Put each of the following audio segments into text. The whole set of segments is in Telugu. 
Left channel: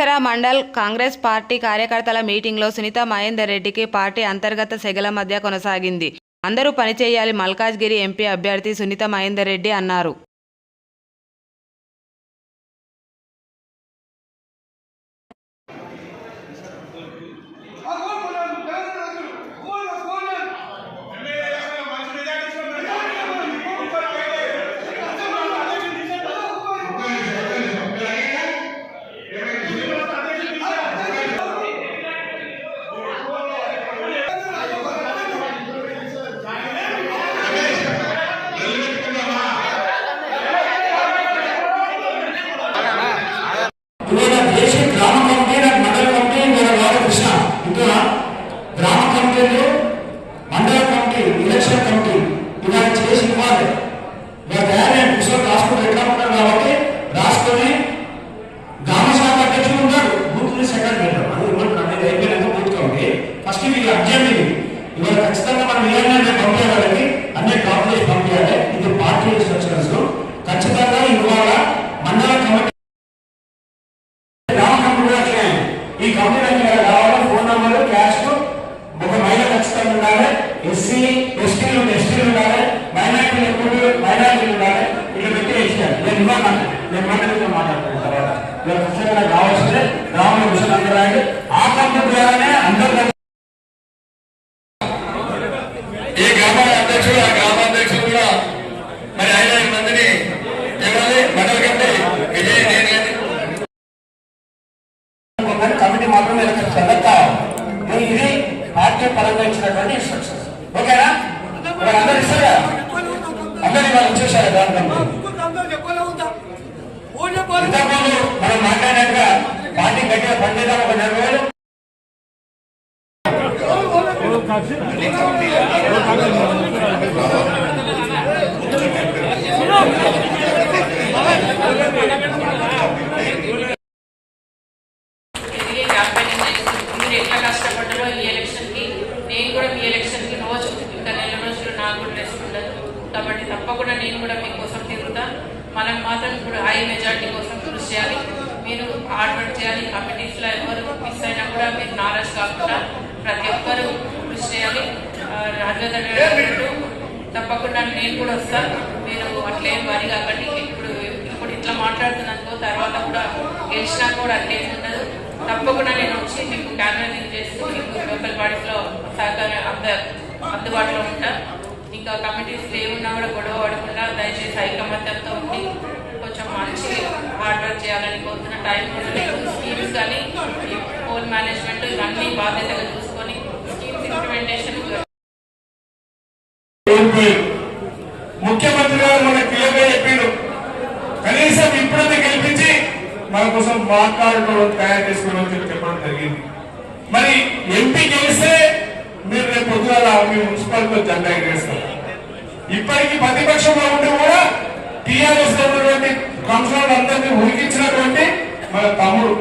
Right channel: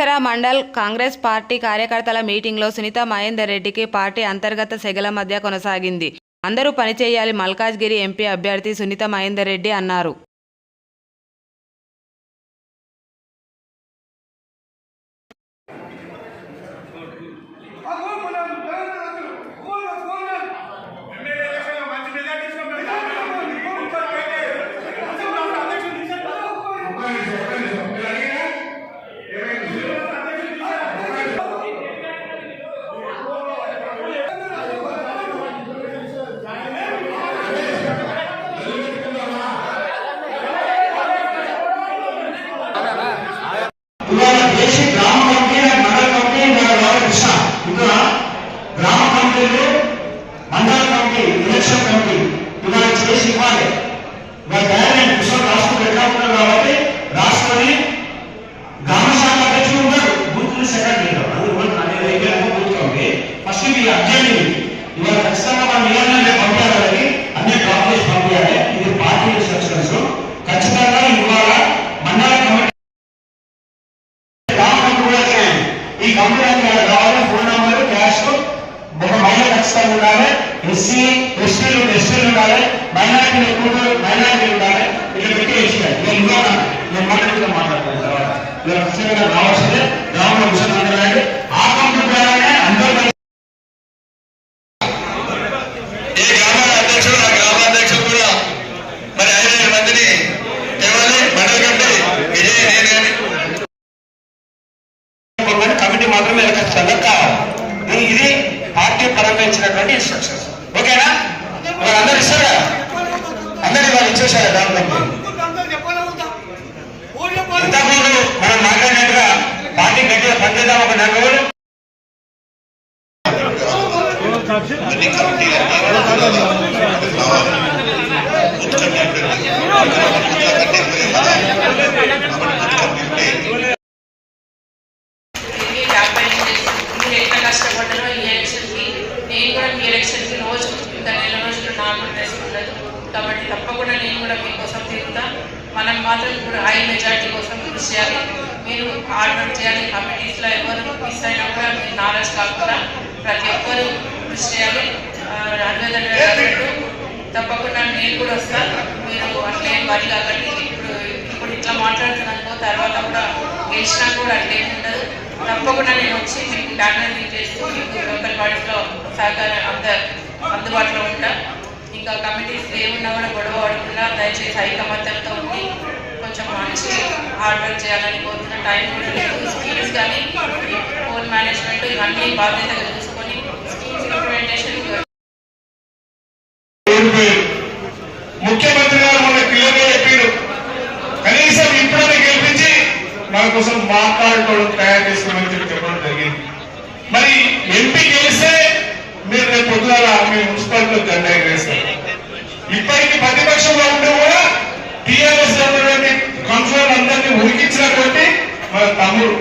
కీసరా మండల్ కాంగ్రెస్ పార్టీ కార్యకర్తల మీటింగ్లో సునీత మహేందర్ రెడ్డికి పార్టీ అంతర్గత సెగల మధ్య కొనసాగింది. అందరూ పనిచేయాలి మల్కాజ్గిరి ఎంపీ అభ్యర్థి సునీత మహేందర్ రెడ్డి అన్నారు. కంప్యూటర్ మీద కావాలి ఫోన్ నెంబర్ క్యాష్ ఒక మహిళ ఖచ్చితంగా ఉండాలి ఎస్సీ ఎస్టీలు ఎస్టీలు ఉండాలి మైనార్టీలు ఎక్కువ మైనార్టీలు ఉండాలి ఇట్లా పెట్టి ఇచ్చారు నేను ఇవాళ నేను మాట్లాడుతూ మాట్లాడతాను తర్వాత ఇలా ఖచ్చితంగా రావాల్సిందే గ్రామంలో కూర్చొని అందరూ రాయండి. ఆ కంప్యూటర్ అందరూ కలిసి ఏ గ్రామ అధ్యక్షుడు ఆ గ్రామ అధ్యక్షుడు కూడా మరి ఐదు మందిని తేవాలి మండల కమిటీ విజయ్ నేను కానీ కానీ కమిటీ మాత్రమే ఖచ్చితంగా కావాలి మరి ఇది పార్టీ పరంగా ఇచ్చినటువంటి ఇన్స్ట్రక్షన్స్ ఓకేనా? మరి అందరు ఇస్తారా? అందరు ఇవాళ ఇచ్చేసారా గవర్నమెంట్ ఇంతకుముందు మనం మాట్లాడినట్టుగా పార్టీ గట్టిగా పనిచేద్దాం ఒక నెల రోజులు. తిరిగి క్యాంపెయినింగ్ చేస్తుంది మీరు ఎట్లా కష్టపడ్డారో ఈ ఎలక్షన్కి నేను కూడా మీ ఎలక్షన్కి రోజు ఇంకా నెల రోజులు నాకు టెస్ట్ ఉండదు కాబట్టి తప్పకుండా నేను కూడా మీకోసం తిరుగుతాను మనం మాత్రం కూడా హై మెజార్టీ కోసం కృషి చేయాలి మీరు ఆర్డర్ చేయాలి. కమిటీస్లో ఎవరు మిస్ అయినా కూడా మీరు నాలెడ్జ్ కాకుండా ప్రతి ఒక్కరు కృషి చేయాలి. అభ్యర్థులు తప్పకుండా నేను కూడా వస్తాను మీరు అట్లే వరి కాకండి ఇప్పుడు ఇప్పుడు ఇట్లా మాట్లాడుతున్నందుకు తర్వాత కూడా గెలిచినా కూడా అట్లే ఉండదు. తప్పకుండా నేను వచ్చి మీకు క్యాన్వసింగ్ చేసి మీకు లోకల్ బాడీస్లో సహకారం అంద అందుబాటులో ఉంటాను ఇంకా కమిటీస్ ఏమున్నా కూడా గొడవ పడకుండా దయచేసి ఐకమత్యంతో ఉండి కొంచెం మంచి హార్డ్ వర్క్ చేయాలని కోరుతున్న టైం కూడా స్కీమ్స్ కానీ ఫోన్ మేనేజ్మెంట్ ఇవన్నీ బాధ్యతగా చూసుకొని స్కీమ్స్ ఇంప్లిమెంటేషన్ ముఖ్యమంత్రి గారు మన క్లియర్గా చెప్పారు. కనీసం ఇప్పుడైనా గెలిపించి మన కోసం మాట్లాడుకోవడం తయారు చేసుకోవడం చెప్పడం జరిగింది. మరి ఎంపీ గెలిస్తే మీరు రేపు పొద్దున మీ మున్సిపాలిటీలో జెండా ఎగరేస్తారు. ఇప్పటికీ ప్రతిపక్షంలో ఉంటూ కూడా టీఆర్ఎస్ ఉన్నటువంటి కౌన్సిలర్ అందరినీ ఉరికించినటువంటి మన తమ్ముడు.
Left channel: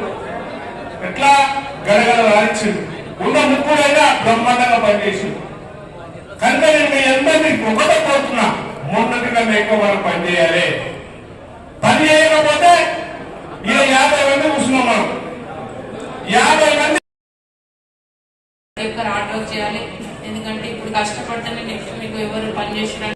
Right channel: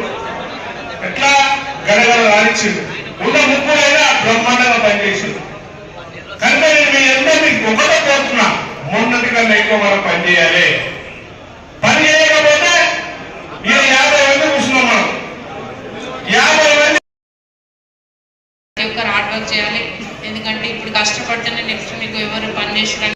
ఎట్లా గడగడ రాణించింది ఉన్న ముప్పుడైనా బ్రహ్మాండంగా పనిచేసింది కనుక నేను మీ అందరినీ ఒకటే కోరుతున్నా మొన్నటి కన్నా ఎక్కువ మనం పనిచేయాలి పని చేయకపోతే మీరు యాభై మంది కూర్చున్నాం మనం. యాభై మంది ప్రతి హార్డ్ వర్క్ చేయాలి? ఎందుకంటే ఇప్పుడు కష్టపడితేనే నెక్స్ట్ మీకు ఎవరు పని చేసిన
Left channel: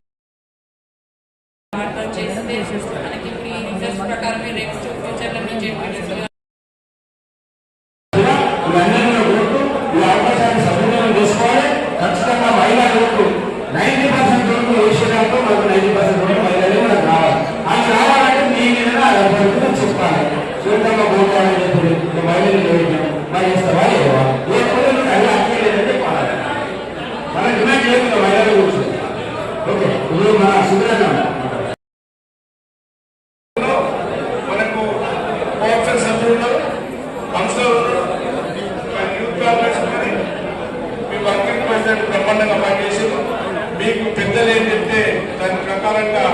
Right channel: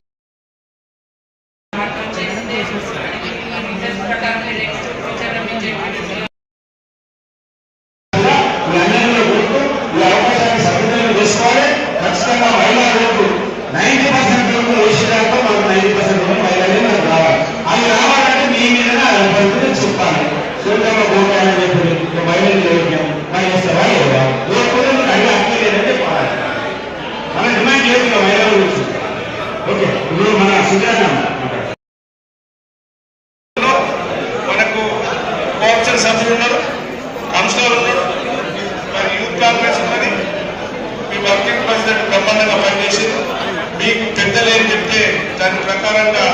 దాని ప్రకారంగా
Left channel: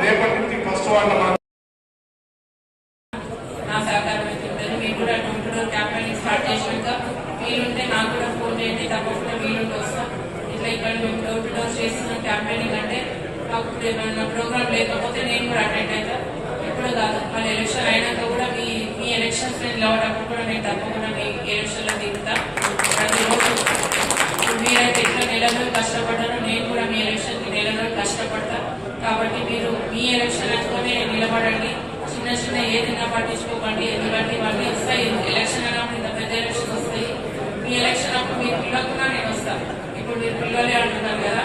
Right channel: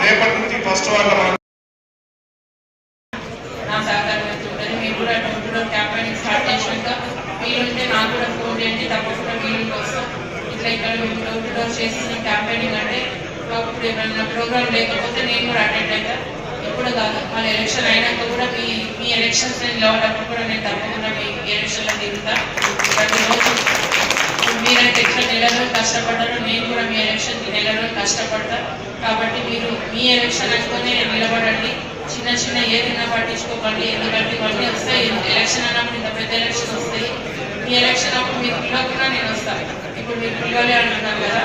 రేపటి నుంచి ఫస్ట్ వాళ్ళ మనం నా సహకారం మీరు స్టార్ట్ చేసినాక కూడా తప్పకుండా ఇట్లా చేస్తున్న క్యాంపెయినింగ్ అంటే మాకు ఇప్పుడు ఏమైనా ప్రోగ్రామ్ లేకపోతే నేను కూడా అటెండ్ అవుతాను ఇప్పుడు కాదు. మన ఎలక్షన్ అయినాక కూడా మీ మీ ఎలక్షన్ ఎలక్షన్స్ కూడా నేను తప్పకుండా మీ ఎలక్షన్లో తిరుగుతా మీరైతే ఎట్లా రోజులు కష్టపడ్డారో నేను కూడా మీ ఎలక్షన్కి నెల రోజులు కష్టపడతా కాబట్టి ఈ ఎలక్షన్ అనుకునే నిలబడండి. చిన్న చిన్న ఏదైనా పట్టించుకోకండి. ఎందుకంటే ఇవన్నీ వస్తాయి. ఎలక్షన్ అన్నప్పుడు ఇంత పెద్ద ఎలక్షన్ వస్తాయి. మీ ఎలక్షన్ అప్పుడు మీరు పిల్లకున్నా నేను వస్తాను ఇప్పుడు మీరు పిల్లలే అంటున్నారు కదా.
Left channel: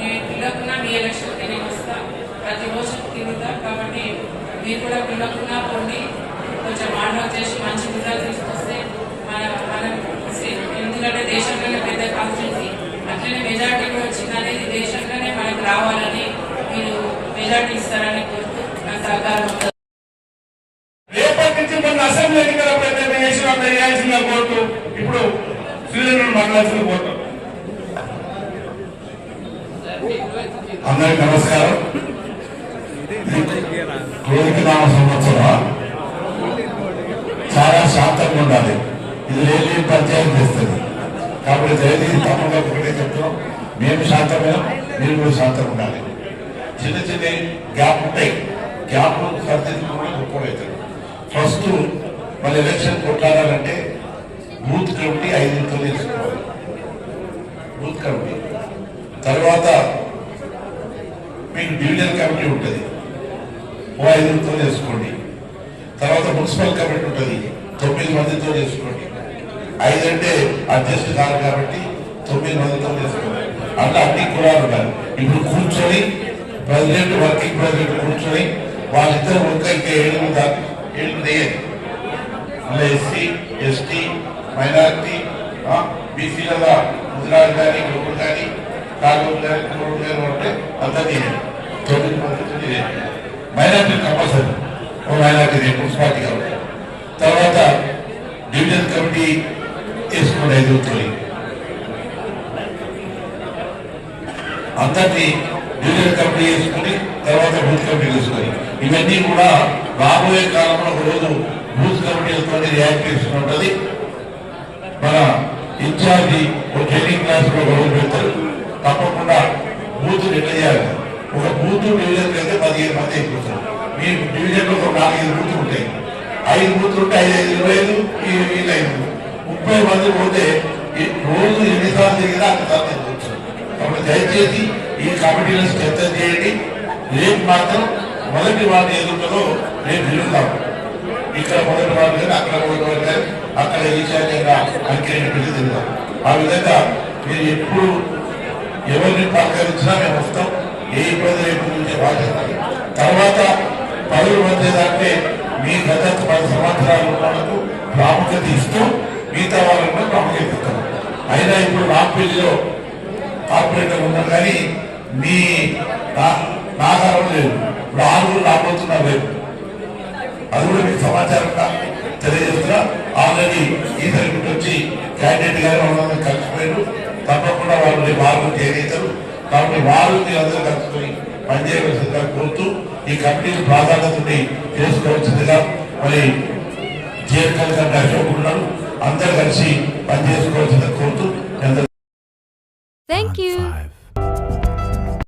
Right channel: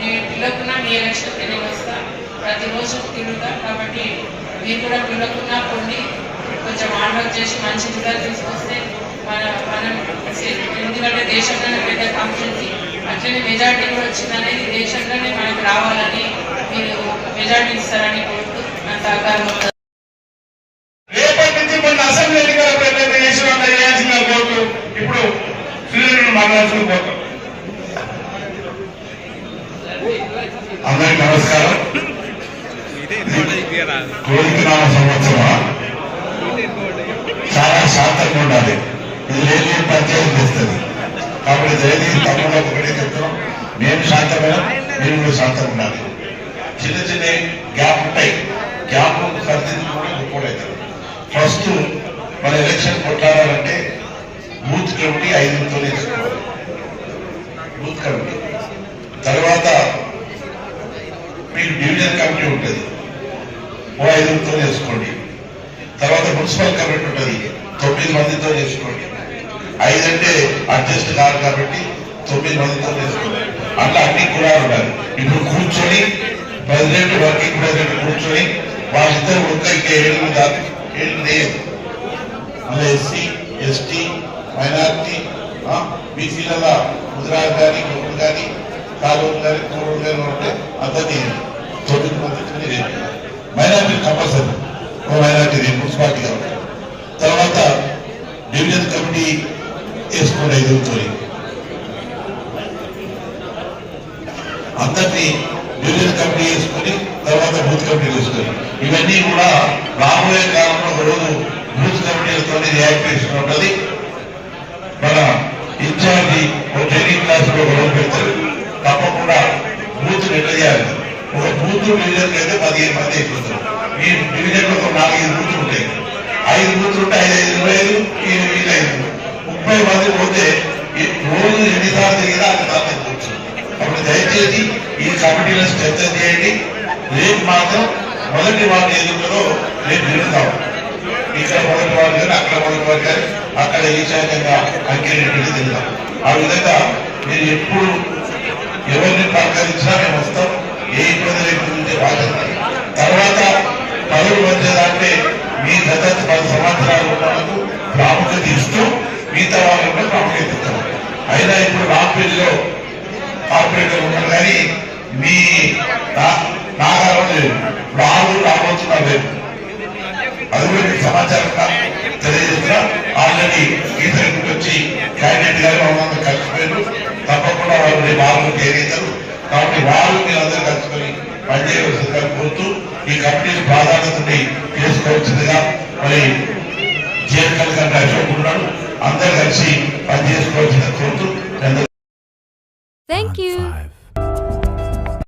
నేను పిల్లకున్నా మీ ఎలక్షన్కి నేను వస్తాను ప్రతిరోజు తిరుగుతా. కాబట్టి మీరు కూడా పిల్లకున్నా పొంది కొంచెం ఆర్డర్ చేసి మంచి రిజల్ట్ తీసుకొస్తే మన మనం ఎందుకంటే దేశంలోనే పెద్ద కంపెనీ అట్లనే మెజార్టీ కూడా వచ్చిందనేది దేశంలోనే మనకు రావాలని చాలా శాంతంగా ఉండాలి. ఇది లేని ప్రత్యేకం చేస్తుంది. కాబట్టి దయచేసి తప్పకుండా ఒకటే చెప్తాం మేము శాంతంగా మీరు కూడా శాంతంగా ఉండాలి. చిన్న చిన్న గ్యాప్ ఉంటాయి గ్యాప్ సరిదిద్దులు కూడా గొప్పడవుతారు ఫస్ట్ మన ఎలక్షన్ కొట్లాడాలంటే బూత్ కమిటీ ఐదుతో తీసుకోవాలి బూత్ కమిటీ తర్వాత మీకు డివిజన్ కమిటీ ఉంటుంది ఓ ఐదుగురితో చేసుకోండి తర్వాత మున్సిపల్ కమిటీ ఉంటుంది. తొమ్మిది మందితో చేసుకోండి. ఐదంటే అడ్జస్ట్ కాదు కాబట్టి తొమ్మిది మందితో చేసుకోండి. అట్లా అన్ని కూడా ఉండాలి. ఇప్పుడు కూర్చొని ప్రెసిడెంట్ వర్కింగ్ ప్రెసిడెంట్ కూర్చొని వాళ్ళిద్దరు ఇంకా ఇంకా ఏడుగురు దాకా ఏడు లేదు మళ్ళీ ఎస్సీ ఎస్టీ మైనార్టీ బీసీల గుజరాత్ కానీ గొప్పలు కానీ కాలువలు కానీ కూరలు కానీ ఉంటే అందరినీ తొమ్మిది మంది మైనార్టీ కంపల్సరీ. ఒక మైనార్టీ మున్సిపాలిటీ కాబట్టి తర్వాత డివిజన్ కమిటీ వేసుకుని ఎదుగుతుంది అందరినీ డివిజన్ కమిటీ వేసుకుని తర్వాత బూత్ కమిటీ వేసుకుని. ఇవన్నీ కూడా రాబోయే కాలంలో ఒకరోజు బూత్ కమిటీలతో రియాక్టేషన్ ఉంటుంది. మన ఇన్ఛార్జి ఒక ట్రైనింగ్ క్లాస్లో ఒక పెడతారు. తప్పకుండా బూత్ ఎట్లా ఒక బూత్ డివిజన్ అయితే పదిహేను మంది అయిపోతారు. ఐదు బూతులు ఉంటే ఐదు ఐదు ఇరవై ఐదు ఈ వీళ్ళు ఐదు ముప్పై మంది పోతే రోజు ఎన్నిసార్లు తిరిగినా అంతసార్లు అయిపోవచ్చు కాబట్టి దయచేసి ఈ కమిటీలను చర్చ చేయండి రేపు మాత్రం మొదటి వాటి ఎదుగుతుందో రేపు తిరుగుతాం ఇక్కడ మొదటి వారు కానీ అక్కడ మొదటి వారు కానీ అక్కడ ఈశాన్యంగా అంకెరెడ్డి తిరుగుతాం ఆ విధంగా మీరు ఎప్పుడు ఎవరిని పలకరించినా మేము వస్తాం ఏ ఇబ్బంది లేకుండా తర్వాత పదవి వచ్చేదాంటే మీ గత పది సంవత్సరాలు ఉన్నందుకు ప్రాముఖ్యత ఇస్తూ మిగతా వాళ్ళు కూడా ప్రాముఖ్యత ఇస్తాం అయినా ఇప్పుడు రాంపల్లిలో కార్పొరేటర్ ఉన్నారు కానీ మీ నాగారం లేదు. వాళ్ళు రాబోతున్నా లేదు. అది కూడా మీకు సమాచారం తెలియజేస్తున్నా. ఆల్రెడీ ఈ తరగతి వచ్చి క్యాండిడేట్ గారు కలిసిపోయారు. తప్పకుండా వాళ్ళు వాళ్ళు చేరేతారు కాబట్టి వాళ్ళు మీరు అందరూ కలుసుకొని పనిచేయవలసిందిగా కోరుతూ ఈ కమిటీని ప్రాధాన్యతని చేసుకోవాల్సిందిగా మరి జీఎస్ఎల్ గారు అశోక్ ఉన్నాడు అందరూ కలిసి పనిచేసుకోవాల్సిందిగా కోరుతూ Thank you.